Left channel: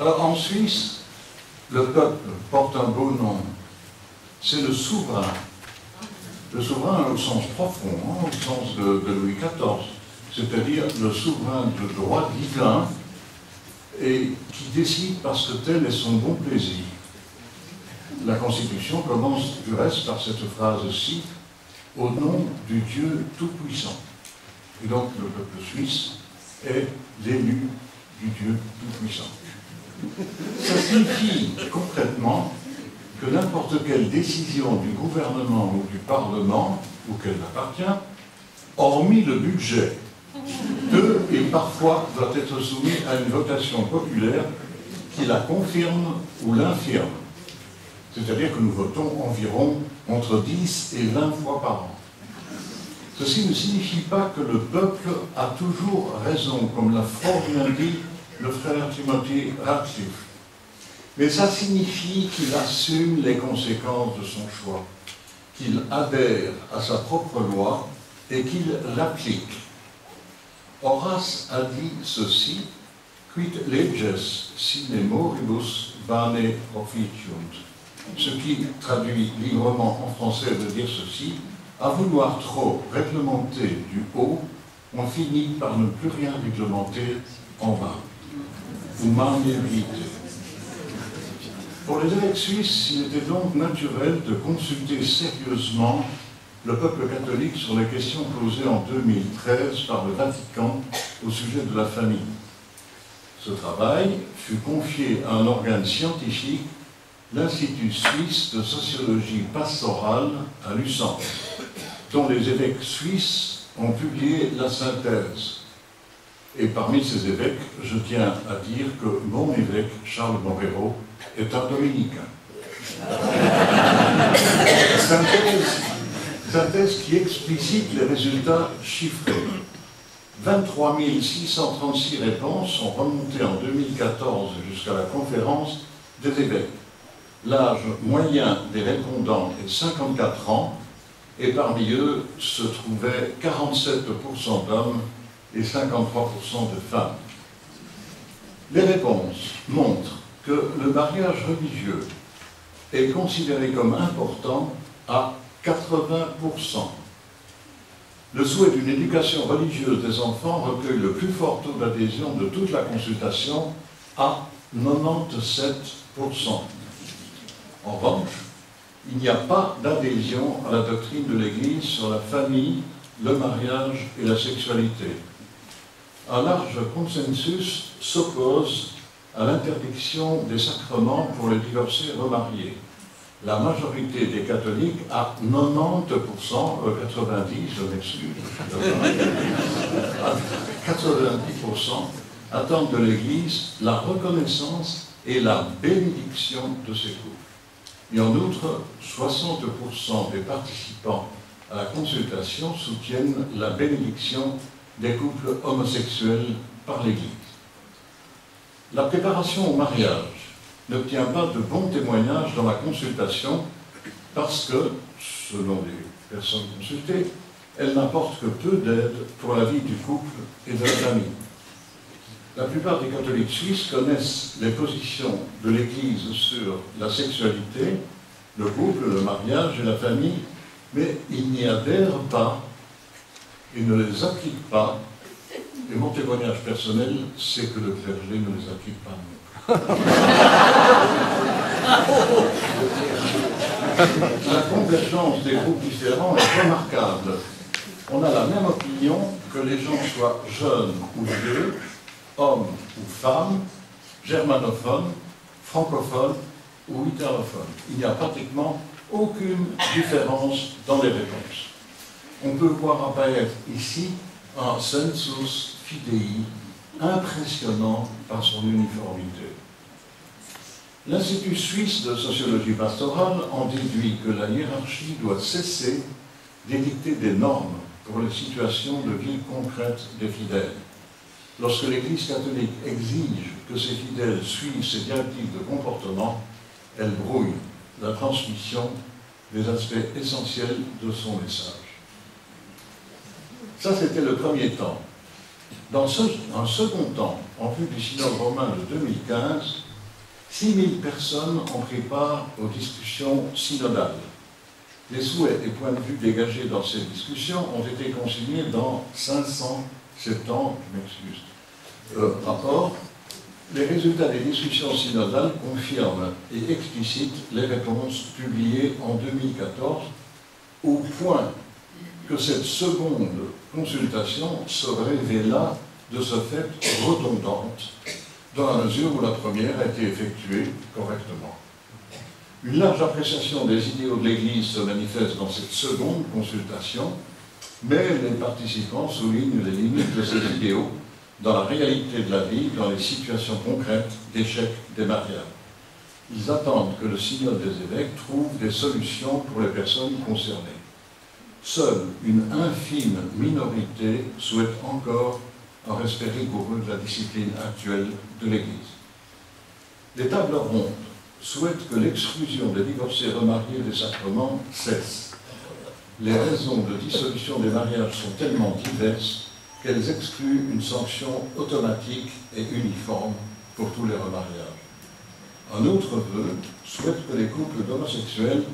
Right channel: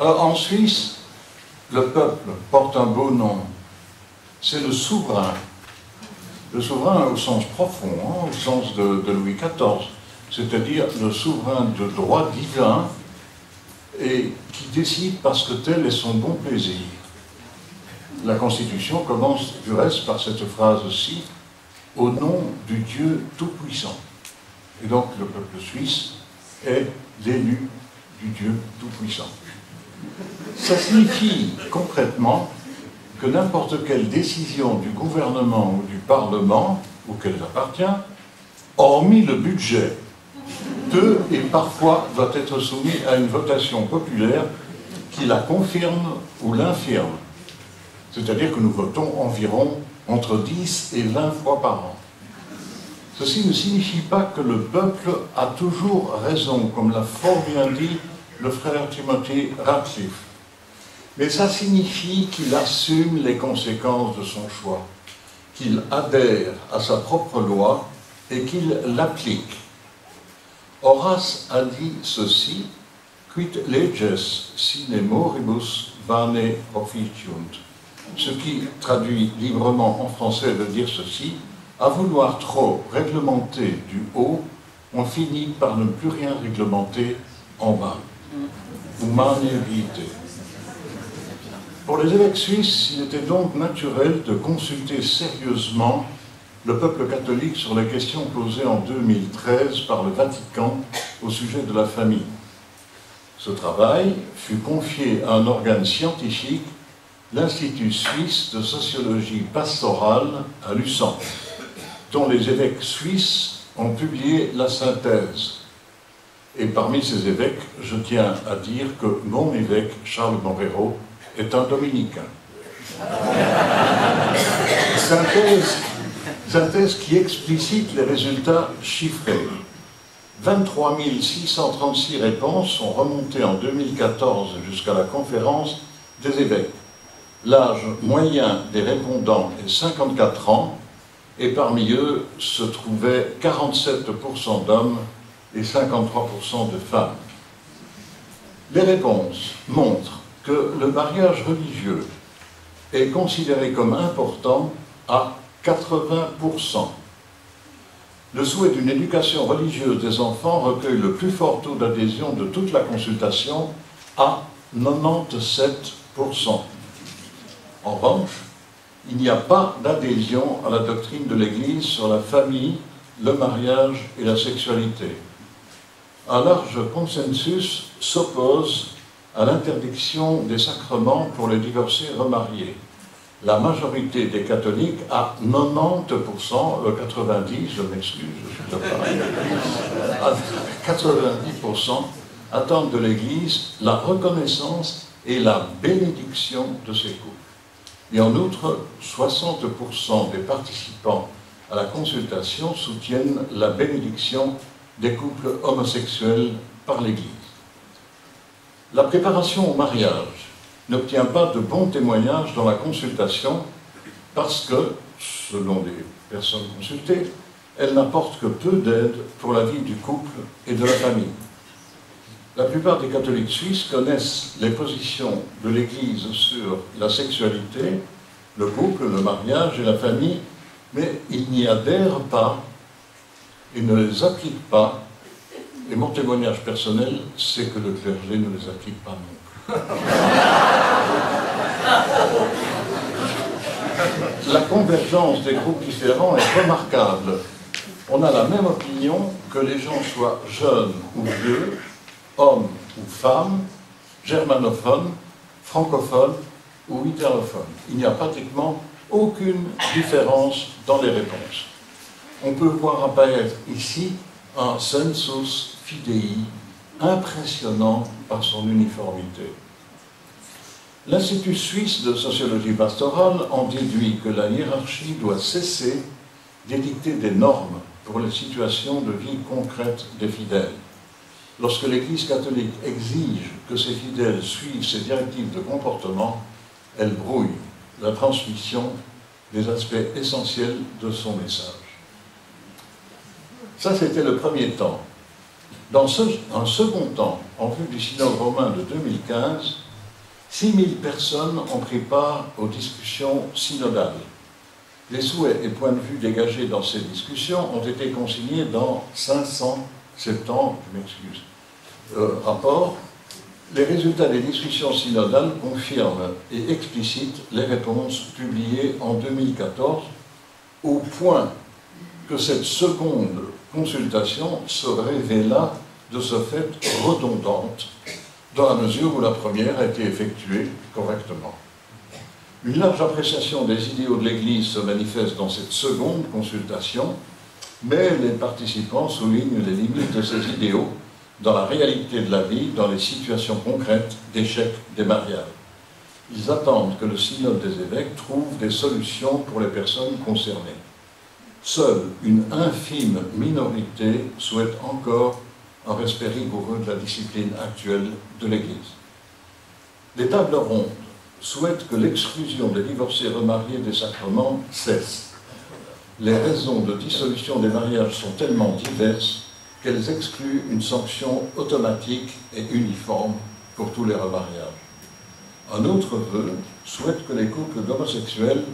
Alors en Suisse, le peuple porte un beau nom. C'est le souverain. Le souverain au sens profond, hein, au sens de Louis XIV, c'est-à-dire le souverain de droit divin et qui décide parce que tel est son bon plaisir. La Constitution commence du reste par cette phrase-ci, au nom du Dieu Tout-Puissant. Et donc le peuple suisse est l'élu du Dieu Tout-Puissant. Ça signifie concrètement que n'importe quelle décision du gouvernement ou du Parlement, auquel il appartient, hormis le budget, peut et parfois doit être soumis à une votation populaire qui la confirme ou l'infirme. C'est-à-dire que nous votons environ entre 10 et 20 fois par an. Ceci ne signifie pas que le peuple a toujours raison, comme l'a fort bien dit le frère Timothy Ratcliffe. Mais ça signifie qu'il assume les conséquences de son choix, qu'il adhère à sa propre loi et qu'il l'applique. Horace a dit ceci, « Quid leges sine moribus vane officiunt », ce qui, traduit librement en français, veut dire ceci, « À vouloir trop réglementer du haut, on finit par ne plus rien réglementer en bas. » Humane vitae. Pour les évêques suisses, il était donc naturel de consulter sérieusement le peuple catholique sur les questions posées en 2013 par le Vatican au sujet de la famille. Ce travail fut confié à un organe scientifique, l'Institut suisse de sociologie pastorale à Lucerne, dont les évêques suisses ont publié la synthèse. Et parmi ces évêques, je tiens à dire que mon évêque, Charles Borrero, est un dominicain. Synthèse qui explicite les résultats chiffrés. 23 636 réponses sont remontées en 2014 jusqu'à la conférence des évêques. L'âge moyen des répondants est 54 ans, et parmi eux se trouvaient 47% d'hommes et 53% de femmes. Les réponses montrent que le mariage religieux est considéré comme important à 80%. Le souhait d'une éducation religieuse des enfants recueille le plus fort taux d'adhésion de toute la consultation à 97%. En revanche, il n'y a pas d'adhésion à la doctrine de l'Église sur la famille, le mariage et la sexualité. Un large consensus s'oppose à l'interdiction des sacrements pour les divorcés remariés. La majorité des catholiques, à 90%, 90, je m'excuse, à 90%, attendent de l'Église la reconnaissance et la bénédiction de ces couples. Et en outre, 60% des participants à la consultation soutiennent la bénédiction des couples homosexuels par l'Église. La préparation au mariage n'obtient pas de bons témoignages dans la consultation parce que, selon les personnes consultées, elle n'apporte que peu d'aide pour la vie du couple et de la famille. La plupart des catholiques suisses connaissent les positions de l'Église sur la sexualité, le couple, le mariage et la famille, mais ils n'y adhèrent pas et ne les appliquent pas. Et mon témoignage personnel, c'est que le clergé ne les applique pas non plus. La convergence des groupes différents est remarquable. On a la même opinion que les gens soient jeunes ou vieux, hommes ou femmes, germanophones, francophones ou italophones. Il n'y a pratiquement aucune différence dans les réponses. On peut voir apparaître ici un sensus fidei impressionnant par son uniformité. L'Institut suisse de sociologie pastorale en déduit que la hiérarchie doit cesser d'édicter des normes pour les situations de vie concrètes des fidèles. Lorsque l'Église catholique exige que ses fidèles suivent ses directives de comportement, elle brouille la transmission des aspects essentiels de son message. Ça, c'était le premier temps. Dans un second temps, en vue du synode romain de 2015, 6 000 personnes ont pris part aux discussions synodales. Les souhaits et points de vue dégagés dans ces discussions ont été consignés dans 570 rapports. Les résultats des discussions synodales confirment et explicitent les réponses publiées en 2014, au point que cette seconde consultation se révéla de ce fait redondante, dans la mesure où la première a été effectuée correctement. Une large appréciation des idéaux de l'Église se manifeste dans cette seconde consultation, mais les participants soulignent les limites de ces idéaux dans la réalité de la vie, dans les situations concrètes d'échec des mariages. Ils attendent que le synode des évêques trouve des solutions pour les personnes concernées. Seule une infime minorité souhaite encore un respect rigoureux de la discipline actuelle de l'Église. Les tables rondes souhaitent que l'exclusion des divorcés remariés des sacrements cesse. Les raisons de dissolution des mariages sont tellement diverses qu'elles excluent une sanction automatique et uniforme pour tous les remariages. Un autre vœu souhaite que les couples d'homosexuels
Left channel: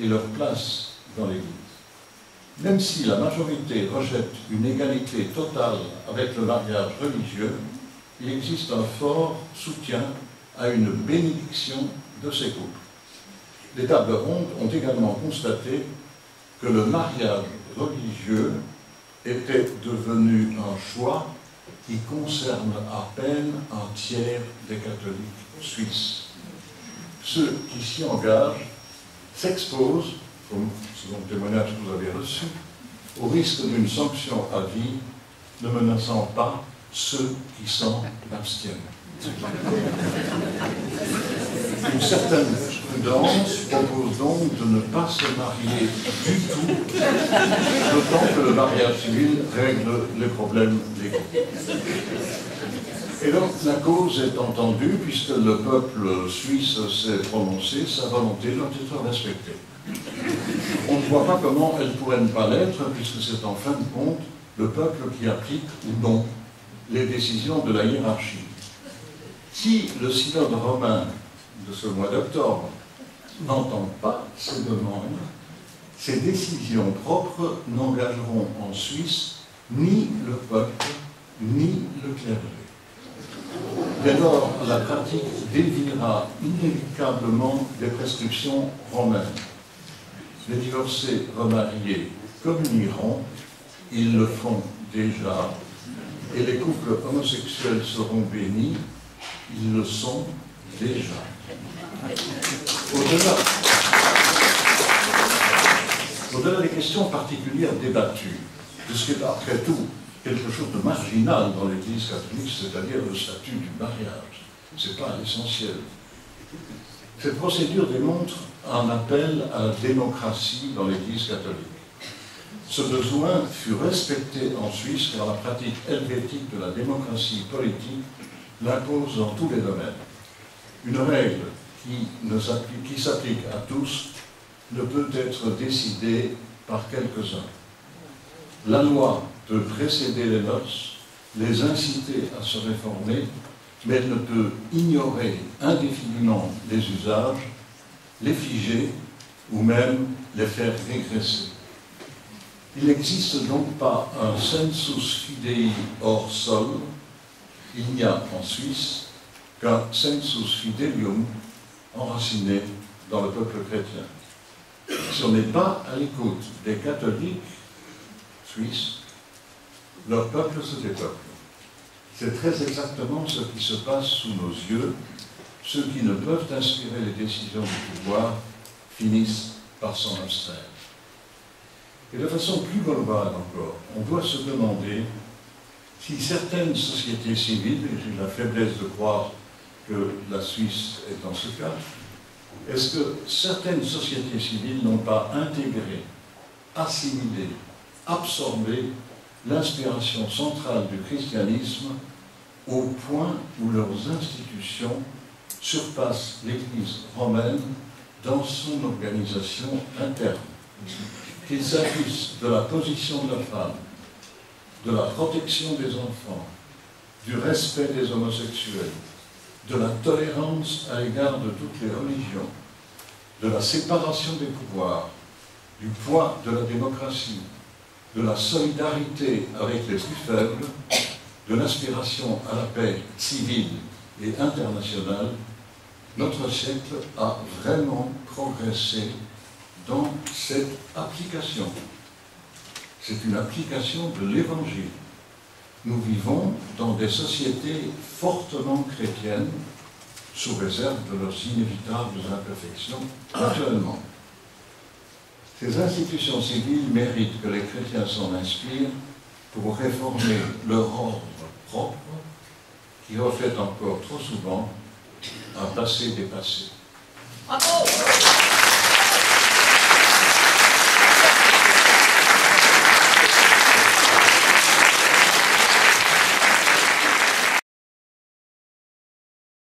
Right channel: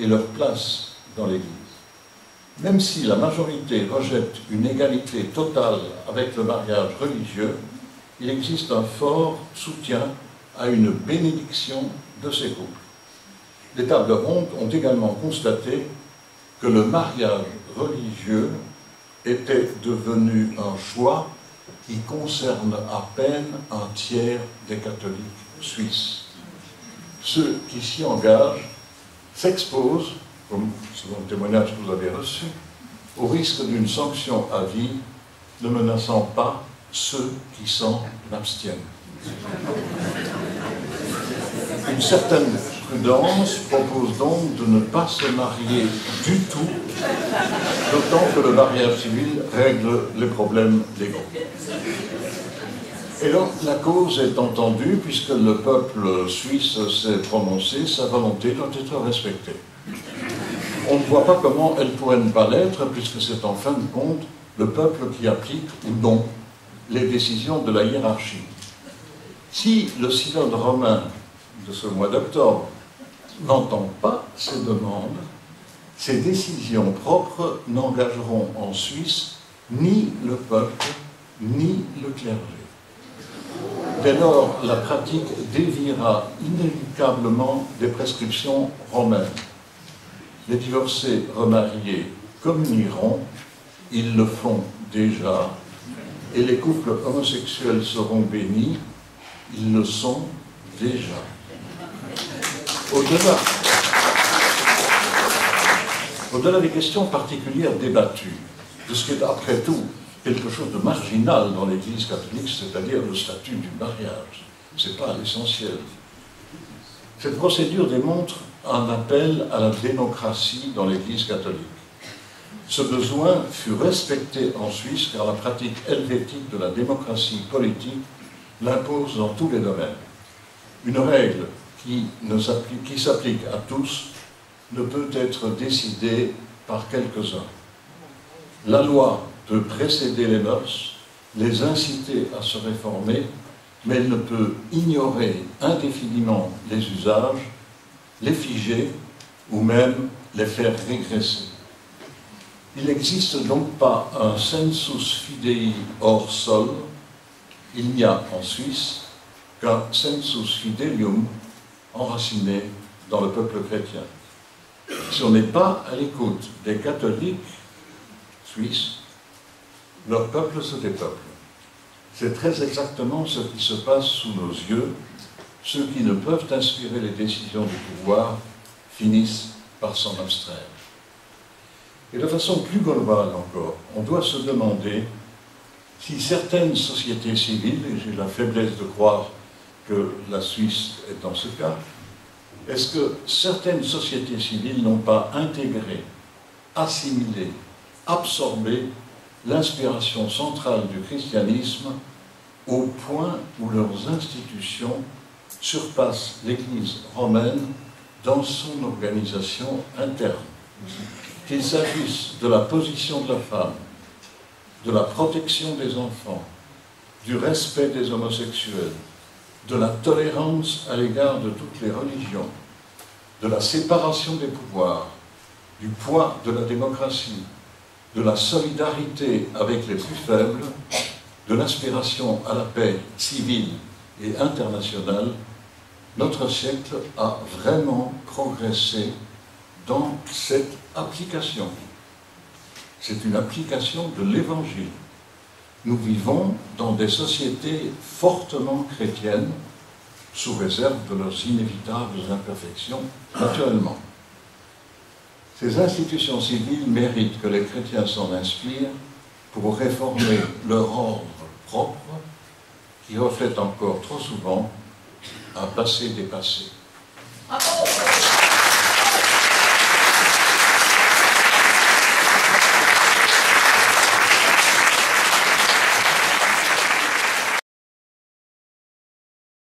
aient leur place dans l'Église. Même si la majorité rejette une égalité totale avec le mariage religieux, il existe un fort soutien à une bénédiction de ces couples. Les tables rondes ont également constaté que le mariage religieux était devenu un choix qui concerne à peine un tiers des catholiques suisses. Ceux qui s'y engagent s'exposent, comme selon le témoignage que vous avez reçu, au risque d'une sanction à vie, ne menaçant pas ceux qui s'en abstiennent. Une certaine prudence propose donc de ne pas se marier du tout, d'autant que le mariage civil règle les problèmes légaux. Et donc la cause est entendue, puisque le peuple suisse s'est prononcé, sa volonté doit être respectée. On ne voit pas comment elle pourrait ne pas l'être, puisque c'est en fin de compte le peuple qui applique ou non les décisions de la hiérarchie. Si le synode romain de ce mois d'octobre n'entend pas ces demandes, ces décisions propres n'engageront en Suisse ni le peuple, ni le clergé. Dès lors, la pratique déviera inévitablement des prescriptions romaines. Les divorcés remariés communieront, ils le font déjà, et les couples homosexuels seront bénis, ils le sont déjà. Au-delà des questions particulières débattues, de ce qui est après tout quelque chose de marginal dans l'Église catholique, c'est-à-dire le statut du mariage, ce n'est pas l'essentiel. Cette procédure démontre un appel à la démocratie dans l'Église catholique. Ce besoin fut respecté en Suisse car la pratique helvétique de la démocratie politique l'impose dans tous les domaines. Une règle qui s'applique à tous ne peut être décidée par quelques-uns. La loi peut précéder les mœurs, les inciter à se réformer, mais elle ne peut ignorer indéfiniment les usages, les figer ou même les faire régresser. Il n'existe donc pas un sensus fidei hors sol. Il n'y a en Suisse qu'un sensus fidelium enraciné dans le peuple chrétien. Si on n'est pas à l'écoute des catholiques suisses, leur peuple se dépeuple. C'est très exactement ce qui se passe sous nos yeux. Ceux qui ne peuvent inspirer les décisions du pouvoir finissent par s'en abstraire. Et de façon plus globale encore, on doit se demander si certaines sociétés civiles, et j'ai la faiblesse de croire que la Suisse est dans ce cas, est-ce que certaines sociétés civiles n'ont pas intégré, assimilé, absorbé l'inspiration centrale du christianisme au point où leurs institutions surpassent l'Église romaine dans son organisation interne. Qu'il s'agisse de la position de la femme, de la protection des enfants, du respect des homosexuels, de la tolérance à l'égard de toutes les religions, de la séparation des pouvoirs, du poids de la démocratie, de la solidarité avec les plus faibles, de l'aspiration à la paix civile et internationale, notre siècle a vraiment progressé dans cette application. C'est une application de l'Évangile. Nous vivons dans des sociétés fortement chrétiennes, sous réserve de leurs inévitables imperfections, naturellement. Ces institutions civiles méritent que les chrétiens s'en inspirent pour réformer leur ordre propre, qui reflète encore trop souvent un passé dépassé. Bravo.